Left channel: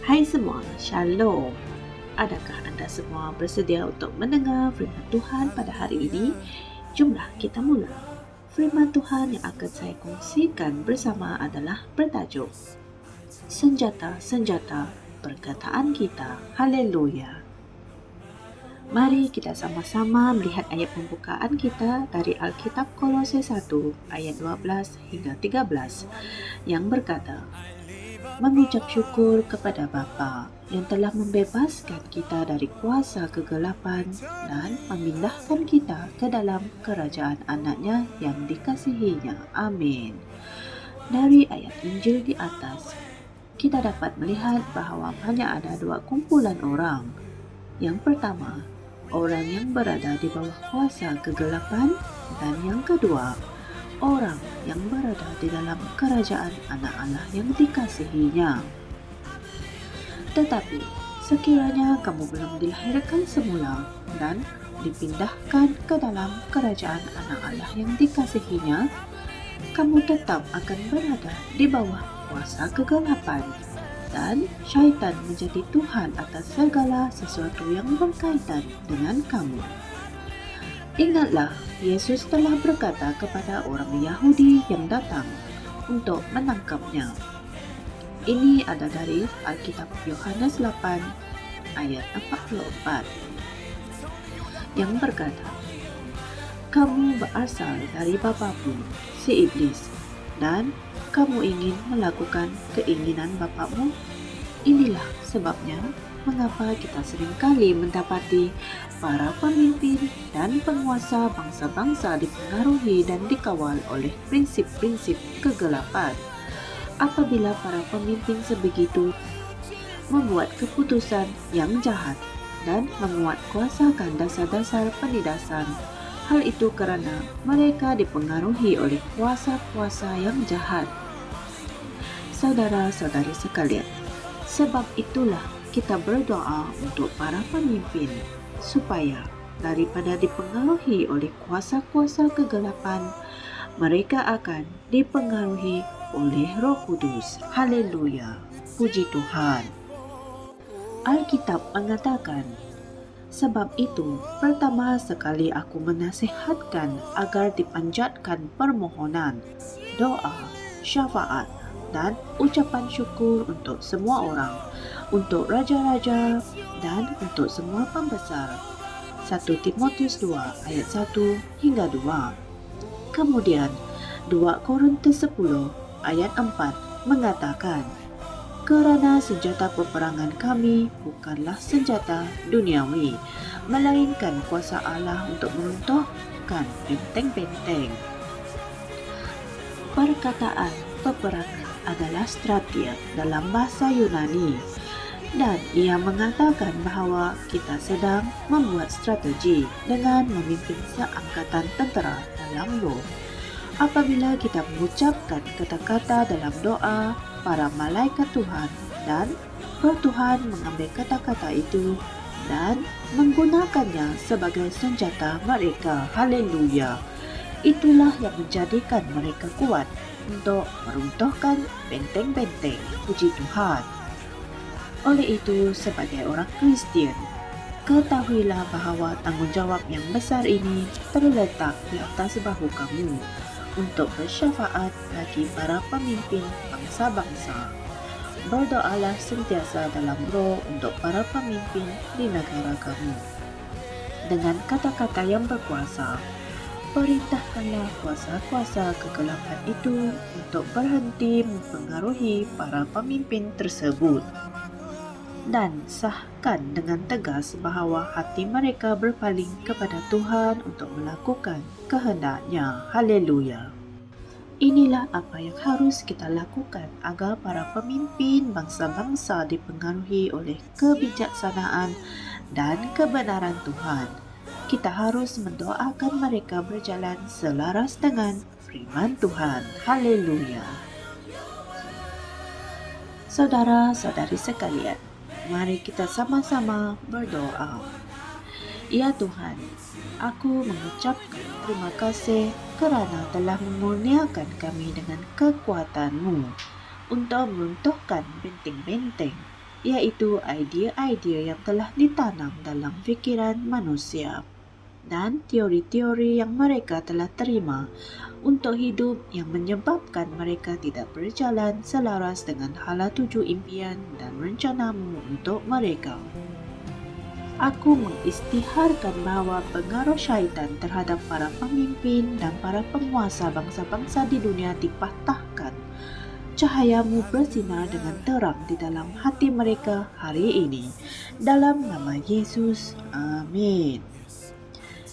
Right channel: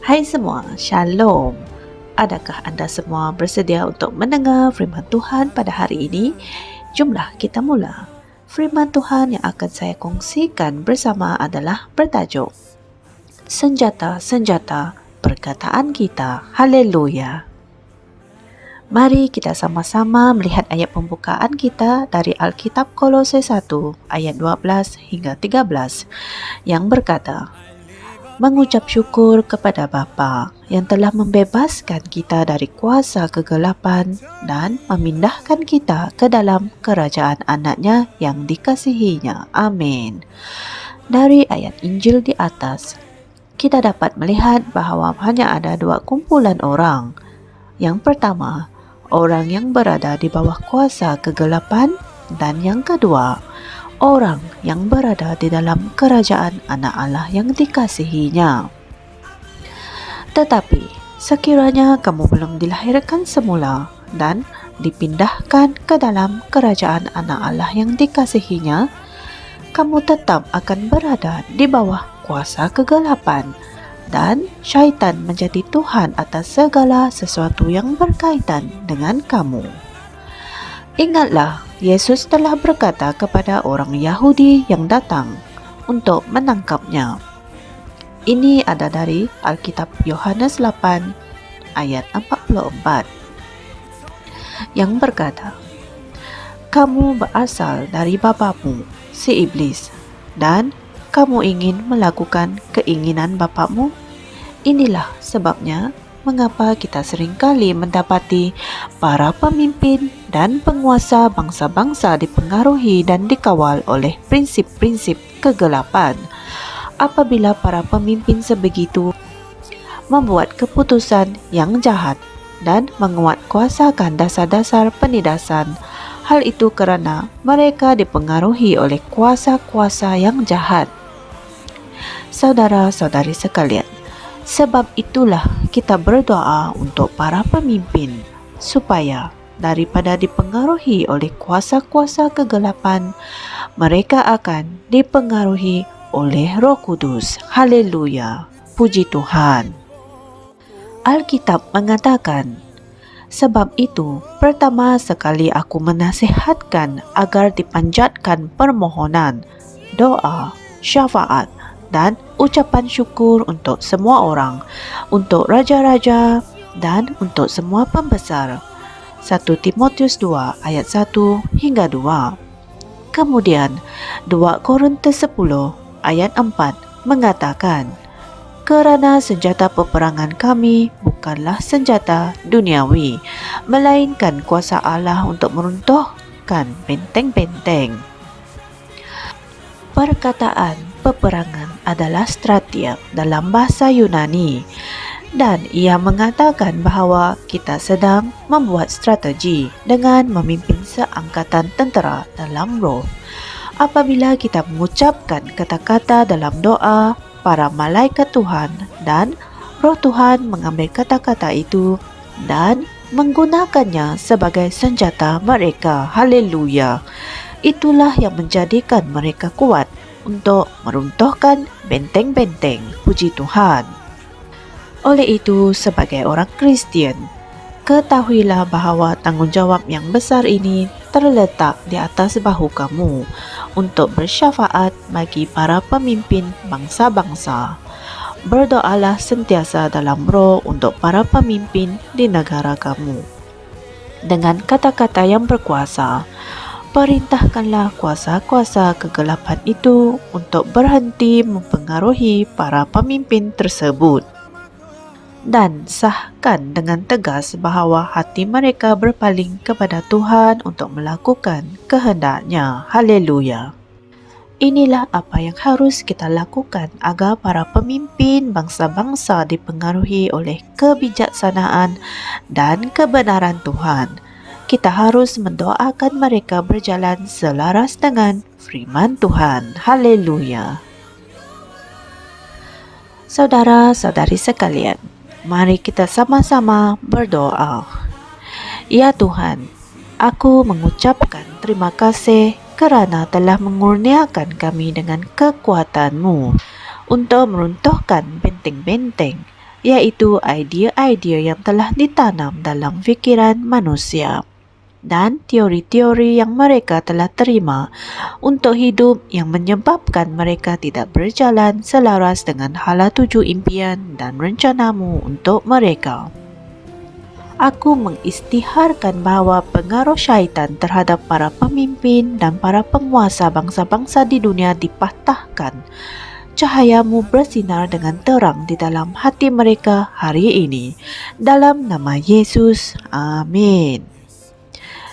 Hai semua, Shalom. Adakah Anda semua bersedia untuk mendengar firman Tuhan pada hari ini? Jomlah kita mula. Firman Tuhan yang akan saya kongsikan bersama adalah bertajuk Senjata-senjata perkataan kita. Haleluya. Mari kita sama-sama melihat ayat pembukaan kita dari Alkitab Kolose 1 ayat 12 hingga 13 yang berkata, mengucap syukur kepada Bapa yang telah membebaskan kita dari kuasa kegelapan dan memindahkan kita ke dalam kerajaan anaknya yang dikasihinya. Amin. Dari ayat Injil di atas, kita dapat melihat bahawa hanya ada dua kumpulan orang. Yang pertama, orang yang berada di bawah kuasa kegelapan, dan yang kedua, orang yang berada di dalam kerajaan anak Allah yang dikasihinya. Tetapi, sekiranya kamu belum dilahirkan semula dan dipindahkan ke dalam kerajaan anak Allah yang dikasihinya, kamu tetap akan berada di bawah kuasa kegelapan, dan syaitan menjadi Tuhan atas segala sesuatu yang berkaitan dengan kamu. Ingatlah, Yesus telah berkata kepada orang Yahudi yang datang untuk menangkapnya. Ini ada dari Alkitab Yohanes 8 ayat 44 yang berkata, kamu berasal dari bapamu, si iblis, dan kamu ingin melakukan keinginan bapakmu? Inilah sebabnya mengapa kita seringkali mendapati para pemimpin dan penguasa bangsa-bangsa dipengaruhi dan dikawal oleh prinsip-prinsip kegelapan. Apabila para pemimpin sebegitu membuat keputusan yang jahat dan menguatkuasakan dasar-dasar penindasan, hal itu kerana mereka dipengaruhi oleh kuasa-kuasa yang jahat. Saudara-saudari sekalian, sebab itulah kita berdoa untuk para pemimpin supaya daripada dipengaruhi oleh kuasa-kuasa kegelapan, mereka akan dipengaruhi oleh Roh Kudus. Haleluya. Puji Tuhan. Alkitab mengatakan, sebab itu pertama sekali aku menasihatkan agar dipanjatkan permohonan, doa, syafaat dan ucapan syukur untuk semua orang, untuk raja-raja dan untuk semua pembesar. 1 Timotius 2 ayat 1 hingga 2. Kemudian 2 Korintus 10 ayat 4 mengatakan, kerana senjata peperangan kami bukanlah senjata duniawi, melainkan kuasa Allah untuk meruntuhkan benteng-benteng. Perkataan peperangan adalah stratia dalam bahasa Yunani, dan ia mengatakan bahawa kita sedang membuat strategi dengan memimpin seangkatan tentera dalam roh. Apabila kita mengucapkan kata-kata dalam doa, para malaikat Tuhan dan Roh Tuhan mengambil kata-kata itu dan menggunakannya sebagai senjata mereka. Haleluya. Itulah yang menjadikan mereka kuat untuk meruntuhkan benteng-benteng. Puji Tuhan. Oleh itu, sebagai orang Kristian, ketahuilah bahawa tanggungjawab yang besar ini terletak di atas bahu kamu untuk bersyafaat bagi para pemimpin bangsa-bangsa. Berdoalah sentiasa dalam roh untuk para pemimpin di negara kamu. Dengan kata-kata yang berkuasa, perintahkanlah kuasa-kuasa kegelapan itu untuk berhenti mempengaruhi para pemimpin tersebut. Dan sahkan dengan tegas bahawa hati mereka berpaling kepada Tuhan untuk melakukan kehendak-Nya. Haleluya. Inilah apa yang harus kita lakukan agar para pemimpin bangsa-bangsa dipengaruhi oleh kebijaksanaan dan kebenaran Tuhan. Kita harus mendoakan mereka berjalan selaras dengan firman Tuhan. Haleluya. Saudara-saudari sekalian, mari kita sama-sama berdoa. Ya Tuhan, aku mengucapkan terima kasih kerana telah mengurniakan kami dengan kekuatan-Mu untuk meruntuhkan benteng-benteng yaitu idea-idea yang telah ditanam dalam fikiran manusia dan teori-teori yang mereka telah terima untuk hidup yang menyebabkan mereka tidak berjalan selaras dengan hala tuju impian dan rencanamu untuk mereka. Aku mengisytiharkan bahawa pengaruh syaitan terhadap para pemimpin dan para penguasa bangsa-bangsa di dunia dipatahkan. Cahayamu bersinar dengan terang di dalam hati mereka hari ini. Dalam nama Yesus, amin.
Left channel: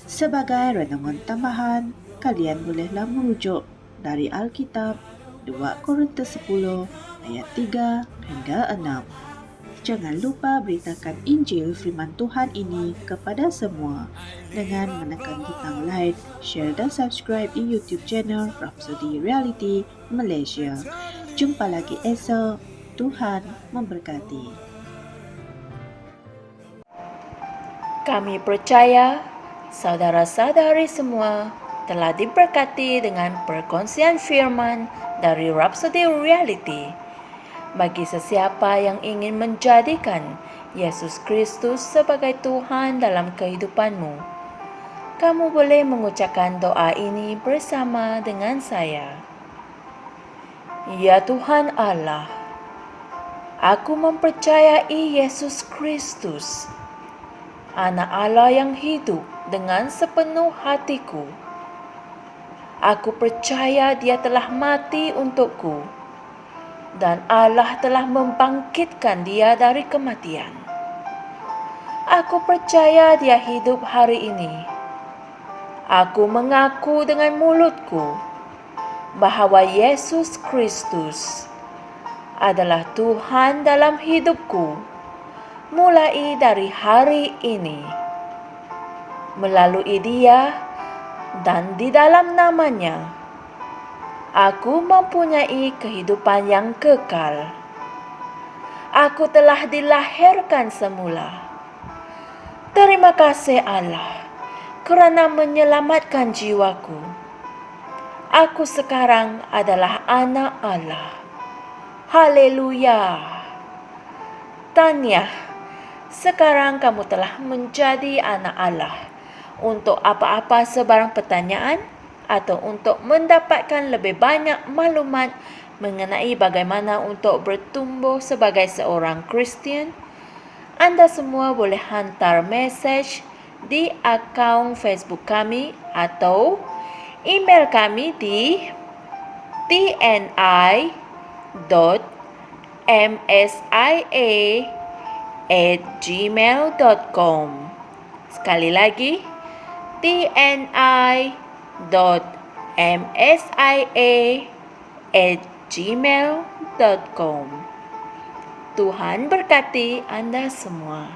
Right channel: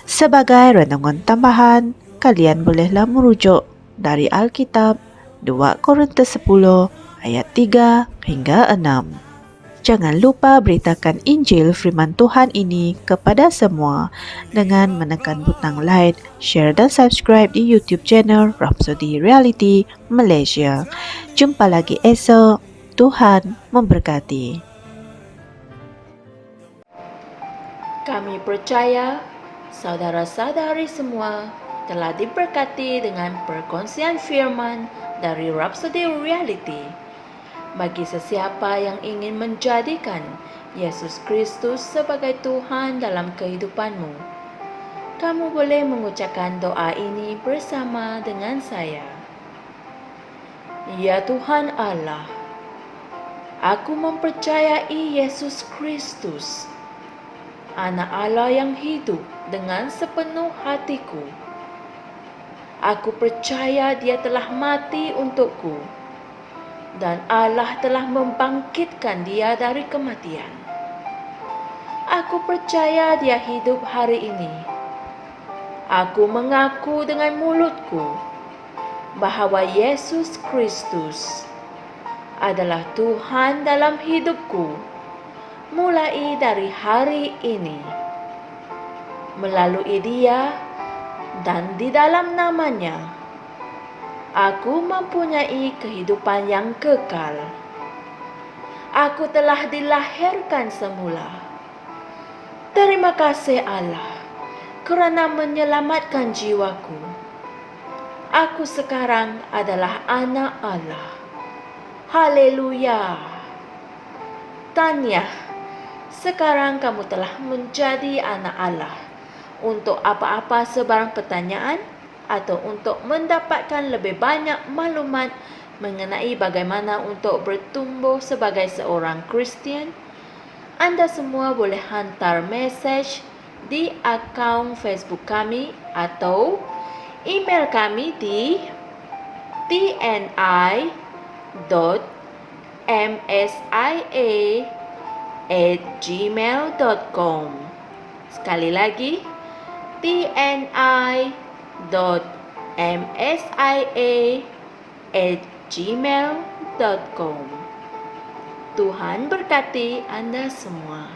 Sebagai renungan tambahan, kalian bolehlah merujuk dari Alkitab 2 Korintus 10 ayat 3 hingga 6. Jangan lupa beritakan Injil firman Tuhan ini kepada semua dengan menekan butang like, share dan subscribe di YouTube channel Rhapsody Reality Malaysia. Jumpa lagi esok. Tuhan memberkati. Kami percaya saudara-saudari semua telah diberkati dengan perkongsian firman dari Rhapsody Reality. Bagi sesiapa yang ingin menjadikan Yesus Kristus sebagai Tuhan dalam kehidupanmu, kamu boleh mengucapkan doa ini bersama dengan saya. Ya Tuhan Allah, aku mempercayai Yesus Kristus, Anak Allah yang hidup dengan sepenuh hatiku. Aku percaya Dia telah mati untukku dan Allah telah membangkitkan Dia dari kematian. Aku percaya Dia hidup hari ini. Aku mengaku dengan mulutku bahawa Yesus Kristus adalah Tuhan dalam hidupku mulai dari hari ini. Melalui Dia dan di dalam nama-Nya, aku mempunyai kehidupan yang kekal. Aku telah dilahirkan semula. Terima kasih Allah kerana menyelamatkan jiwaku. Aku sekarang adalah anak Allah. Haleluya. Tahniah, sekarang kamu telah menjadi anak Allah. Untuk apa-apa sebarang pertanyaan atau untuk mendapatkan lebih banyak maklumat mengenai bagaimana untuk bertumbuh sebagai seorang Kristian, anda semua boleh hantar mesej di akaun Facebook kami atau email kami di tni.msia@gmail.com. Sekali lagi, tni.msia@gmail.com. Tuhan berkati Anda semua.